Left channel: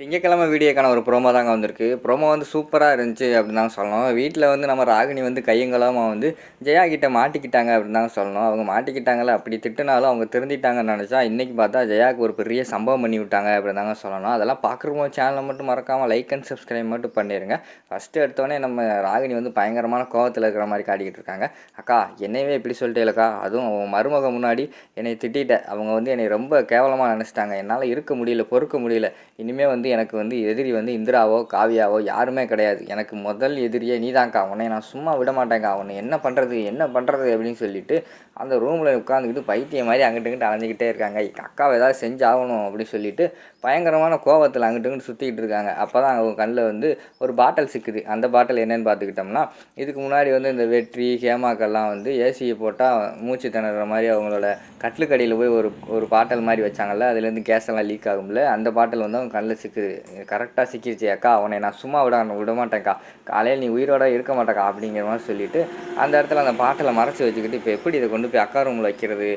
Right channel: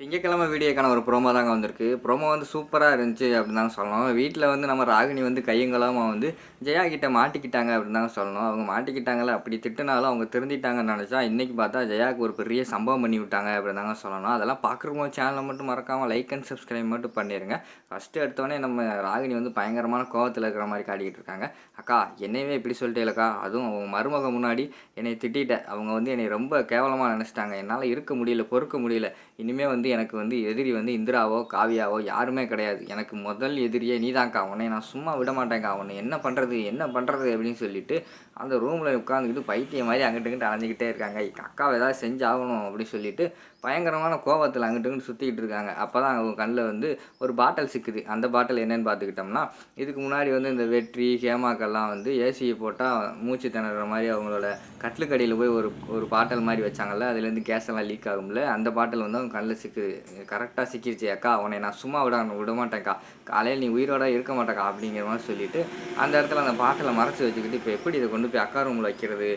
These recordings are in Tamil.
திங்கட்கிழமை வீடியோக்கான ஒரு ப்ரோமோ தாங்க வந்திருக்கு. ப்ரோமோ வந்து சூப்பராக இருந்துச்சு அப்படின்னு தான் சொல்லணும். வீட்டில் வந்து நம்ம ராகினி வந்து கையங்கலாமா வந்து ஜெயா கிட்ட மாட்டிக்கிட்டாங்க அப்படின்னு தான் சொல்லணும். அவங்க மாட்டிக்கிட்டாங்கல்ல, அப்படி திட்டுனாலும் அவங்க திருந்திட்டாங்கன்னு நினச்சா, இன்றைக்கி பார்த்தா ஜெயாவுக்கு ஒரு பெரிய சம்பவம் பண்ணி விட்டாங்க அப்படின்னு தாங்க சொல்லணும். அதெல்லாம் பார்க்குறவங்க சேனலை மட்டும் மறக்காமல் லைக் அண்ட் சப்ஸ்கிரைப் மட்டும் பண்ணிடுங்க. ஃபஸ்ட்டு எடுத்தோடனே நம்ம ராகினி வந்து பயங்கரமான கோவத்தில் இருக்கிற மாதிரி காட்டிக்கிட்டு இருக்காங்க. அக்கா என்னையவே இப்படி சொல்லிட்டேலக்கா, அதுவும் அவங்க மருமக முன்னாடி என்னை திட்டிட்ட. அவங்க வந்து என்னை ரொம்ப கேவலமாக நினச்சிட்டாங்க. என்னால் இருக்க முடியல, பொறுக்க முடியல. இனிமேல் வந்து எனக்கு வந்து எதிரி வந்து இந்திராவோ காவியாவோ யாருமே கிடையாது. எனக்கு முதல் எதிரியே நீதான்க்கா. உன்னை நான் சும்மா விட மாட்டேங்க்கா. உன்னை என்ன பண்ணுறது என்ன பண்ணுறது அப்படின்னு சொல்லிட்டு அந்த ரூமில் உட்காந்துக்கிட்டு பைத்தியம் மாதிரி அங்கிட்டு இங்கிட்டு அலைஞ்சிக்கிட்டே இருக்காங்க. அக்காவை ஏதாவது செஞ்சாகணும் அப்படின்னு சொல்லிட்டு பயங்கரமான கோவத்தில் அங்கிட்டு இங்கிட்டு சுற்றிக்கிட்டு இருக்காங்க. அப்போ தான் அவங்க கண்ணில் வந்து ஒரு பாட்டில் சிக்குது. அந்த பாட்டில் என்னென்னு பார்த்துக்கிட்டோம்னா, இதுக்கு முன்னாடி வந்து இந்த வெற்றி ஹேமாக்கெல்லாம் வந்து ஏசியை போட்டால் மூச்சு திணற மாதிரி அவங்களோட கட்டிலுக்கடியில் போய் ஒரு ஒரு பாட்டில் மாதிரி வச்சாங்கல்ல, அதுலேருந்து கேஸ் எல்லாம் லீக் ஆகும்ல, அந்த பாட்டில் வந்து அவங்க கண்ணில் சிக்குது. கரெக்டாக சிக்கிடுச்சு. அக்கா உன்னை நான் சும்மா விட மாட்டேன்க்கா, காலையில் நீ உயிரோட இருக்க மாட்டேக்கா அப்படிங்கிற மாதிரி சொல்லிவிட்டு அந்த இடத்துல அந்த பாட்டிலை மறைச்சி வச்சுக்கிட்டு, இப்போ எப்படி இதை கொண்டு போய் அக்கா ரூமில் வைக்கிறது,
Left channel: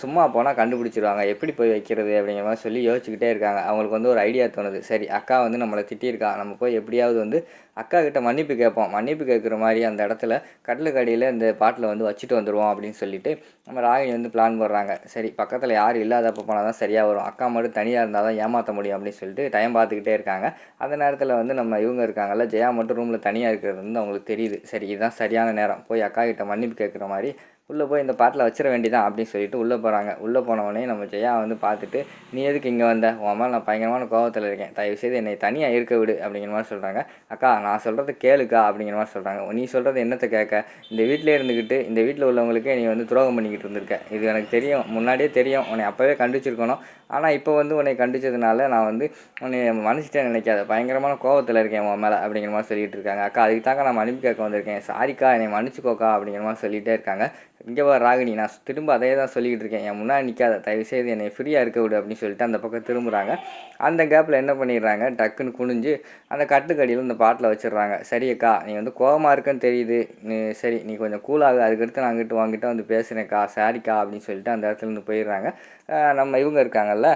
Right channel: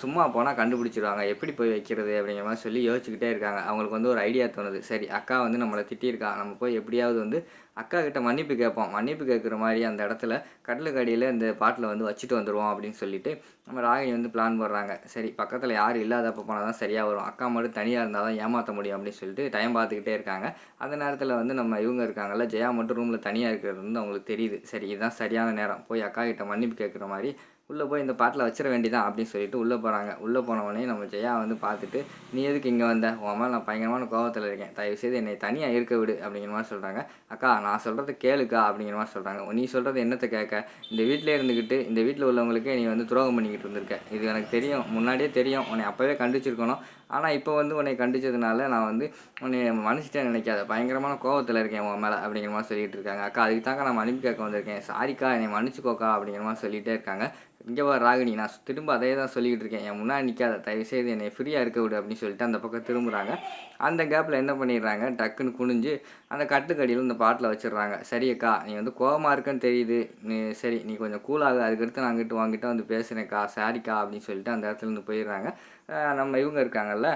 சும்மா போனால் கண்டுபிடிச்சிருவாங்க, எப்படி போய் வைக்கிறது அப்படிங்கிற மாதிரி சொல்லி யோசிச்சுக்கிட்டே இருக்காங்க. அவங்களுக்கு வந்து ஒரு ஐடியா தோணுது. சரி, அக்கா வந்து நம்மளை திட்டியிருக்கா, நம்ம போய் எப்படியாவது வந்து அக்கா கிட்ட மன்னிப்பு கேட்போம். மன்னிப்பு கேட்குற மாதிரி அந்த இடத்துல கட்டிலுக்கு அடியில் இந்த பாட்டில் வந்து வச்சுட்டு வந்துடுவோம் அப்படின்னு சொல்லிட்டு நம்ம ராகினி வந்து பிளான் போடுறாங்க. சரி, பக்கத்தில் யாரும் இல்லாதப்போ போனால் தான் சரியாக வரும், அக்கா மட்டும் தனியாக இருந்தால் தான் ஏமாற்ற முடியும் அப்படின்னு சொல்லிட்டு டைம் பார்த்துக்கிட்டே இருக்காங்க. அந்த நேரத்தில் வந்து நம்ம இவங்க இருக்காங்கல்ல, ஜெயா மட்டும் ரூமில் தனியாக இருக்கிறது வந்து அவங்களுக்கு தெரியுது. சரி, இதுதான் சரியான நேரம், போய் அக்கா கிட்ட மன்னிப்பு கேட்குற மாதிரி உள்ளே போய் இந்த பாட்டில் வச்சிட வேண்டியதான் அப்படின்னு சொல்லிட்டு உள்ளே போகிறாங்க. உள்ளே போனவொடனே நம்ம ஜெயா வந்து பார்த்துட்டு, நீ எதுக்கு இங்கே வந்த, உன் மேலே நான் பயங்கரமான கோவத்தில் இருக்கேன், தயவுசெய்து என்னை தனியாக இருக்க விடு அப்படிங்கிற மாதிரி சொல்கிறாங்க. அக்கா நான் சொல்கிறத கேளுக்கா அப்படிங்கிற மாதிரி சொல்கிறாங்க. நீ சொல்கிறது என்னத்தை கேட்க, இந்த வீட்டிலே இருந்துக்கிட்டு இந்த வீட்டில் உள்ளவங்களுக்கே நீ வந்து துரோகம் பண்ணிக்கிட்டு இருந்திருக்க, இது எனக்கு தெரியும், முன்னாடியே தெரியும், உன்னை அப்போவே கண்டிச்சிருக்கணும். ஆனால் இப்போ வந்து உன்னை கண்டிச்சதுனால நான் வந்து உன்னை மன்னிச்சிட்டே நினைக்காத, பயங்கரமான கோவத்தில் இருக்கேன் உன் மேலே அப்படிங்கிற மாதிரி சொல்லிட்டு இருக்காங்க. அக்கா அதுக்கு தாங்க நான் மன்னிப்பு கேட்க வந்திருக்கேன், சாரிக்கா என்னை மன்னிச்சுக்கோக்கா அப்படிங்கிற மாதிரி சொல்லிகிட்டே இருக்காங்க. இங்கே வா ராகினி, நான் திரும்ப அதே தான் சொல்லிக்கிட்டு இருக்கேன், என் முன்னாடி நிற்காத, தயவுசெய்து என்னை ஃப்ரீயாக இருக்க விடு அப்படின்னு சொல்லிட்டு அந்த பக்கம் திரும்புகிறாங்க. அந்த கேப்பில் என்ன பண்ணிடுறாங்க, டக்குன்னு குனிஞ்சு அந்த கட்டுக்கடியில் இந்த பாட்டில் வச்சிடுறாங்க. சரி அக்கா, நீ வந்து கோவமாக இருக்குன்னு தெரியுது, சரி நீ கொஞ்சம் கூலாகு, அதுக்கடுத்து நான் அங்கிட்டு வாங்கிட்டு வந்து பேசுகிறேன்க்கா, சாரிக்கா அப்படின்னு சொல்லிட்டு அந்த இடத்துலேருந்து போயிடுறாங்க. நம்ம இவங்க இருக்காங்கல்ல,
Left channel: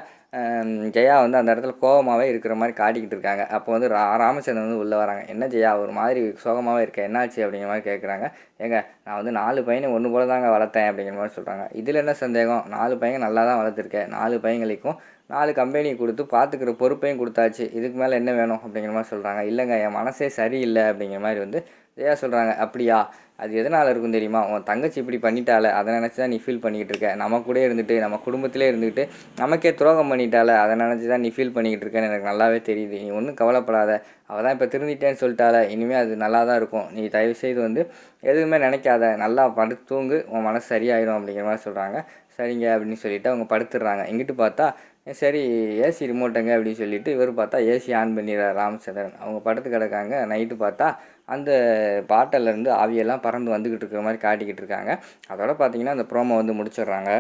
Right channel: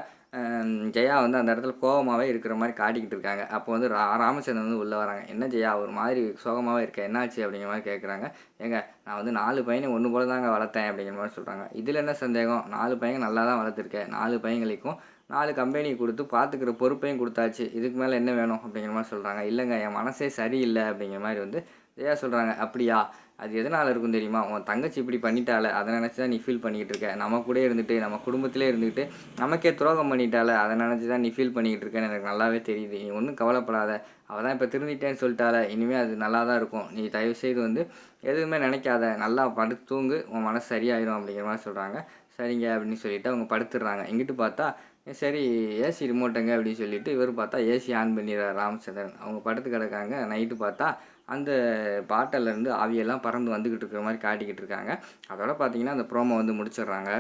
ஜெயா வந்து அந்த இடத்துல கோவமாகவே இருக்கிற மாதிரி காட்டிக்கிட்டு இருக்காங்க. அப்போ வந்து ராமச்சந்திரன் வந்து உள்ளே வராங்க. என்ன ஜெயா ஒரு மாதிரி சோகமாகவே இருக்க, என்னாச்சு அப்படிங்கிற மாதிரி கேட்குறாங்க. ஏங்க நான் வந்து 4 பையனை ஒன்று போல தாங்க வளர்த்தேன் அப்படிங்கிற மாதிரி சொல்கிறாங்க. இதில் என்ன சந்தேகம், 4 பையன் நல்லா தான் வளர்த்துருக்கேன், 4 பையங்களுக்கும் 4 கம்பெனி கொடுத்து பார்த்துக்கிற பொறுப்பையும் கொடுத்தாச்சு, இதுக்கு மேலே என்ன வேணும் அப்படிங்கிற மாதிரி சொல்கிறாங்க. இல்லைங்க என் மனசே சரியில்லை அப்படிங்கிற மாதிரி வந்து ஜெயா சொல்கிறாங்க. அப்படியா, அது எதனால் இருக்கும் தெரியுமா, உன் தங்கச்சி இப்படி பண்ணிட்டால அதை நினச்சி தான் நீ ஃபீல் பண்ணிக்கிட்டு இருக்க, நம்ம கூட இருந்துட்டு நம்ம குடும்பத்திலே இருந்துட்டு நமக்கே துரோகம் பண்ணிட்டால அதை நினச்சி தான் நீ ஃபீல் பண்ணிக்கிட்டு இருக்கேன்னு எனக்கு நல்லாவே தெரியுது. நீ ஒன்றும் கவலைப்படாத, அவள் தான் இப்போ திருந்திட்டேன்னு சொல்லிட்டால, இனிமேல் அது நல்லா தான் இருக்கும், நீ தயவுசெய்து வந்து எதுவுமே நினைக்காத, நல்லா படுத்து தூங்கு, உன் மனசு சரியாயிடும் அப்படிங்கிற மாதிரி சொல்கிறாங்க. சரிங்க அப்படின்னு சொல்லிவிட்டு அவங்க படுத்துடுறாங்க. இங்கிட்டு பார்த்தா சரி ஏசி ரிமோட்டுங்க அப்படின்னு சொல்லிட்டு இவர் பார்த்தா ஏசி ஆன் பண்ணிடுறார் ராமச்சந்திரன். அவங்க படுத்து கிடக்காங்க. நைட்டு பார்த்தா அந்த பாட்டிலேருந்து ஆவியெல்லாம் பறந்து வந்துக்கிட்டு இருக்கிற மாதிரி காட்டிக்கிட்டு இருக்காங்க. அதோட பார்த்தீங்கன்னா அந்த ப்ரோமோ வந்து முடிச்சிடுறாங்க.